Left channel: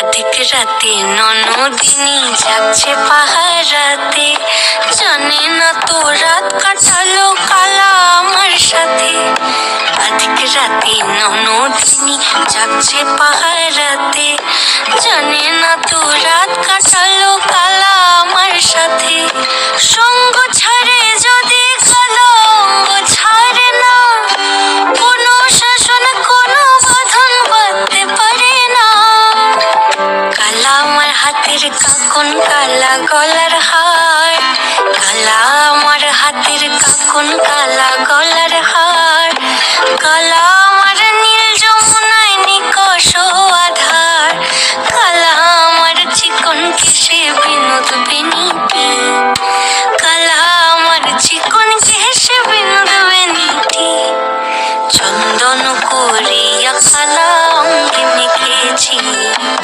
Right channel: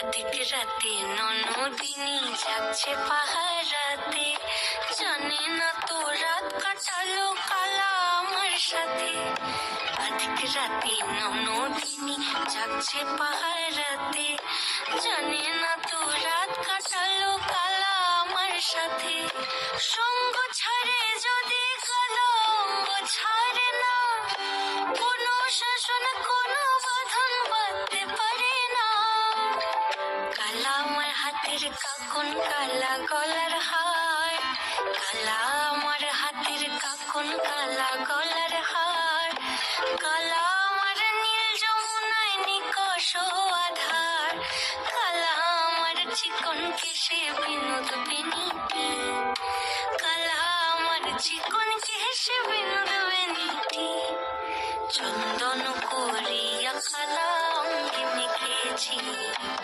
আধিক রাতে ননদিনী জাগছে পাহারাতে, জানে না তো রাত কাটালো কালা আমার সাথে। আধিক রাতে ননদিনী জাগছে পাহারাতে, জানে না তো রাত কাটালো কালা আমার সাথে। সঙ্গ ছাড়ে যদি কালো ছাড়ে না, কোনো শাসন কোনো বাঁধন বাঁধতে পারে না। কালা আমার হাতের কাকন কালা গলার হার, কালা আমার হাতের কাকন কালা গলার হার, কালা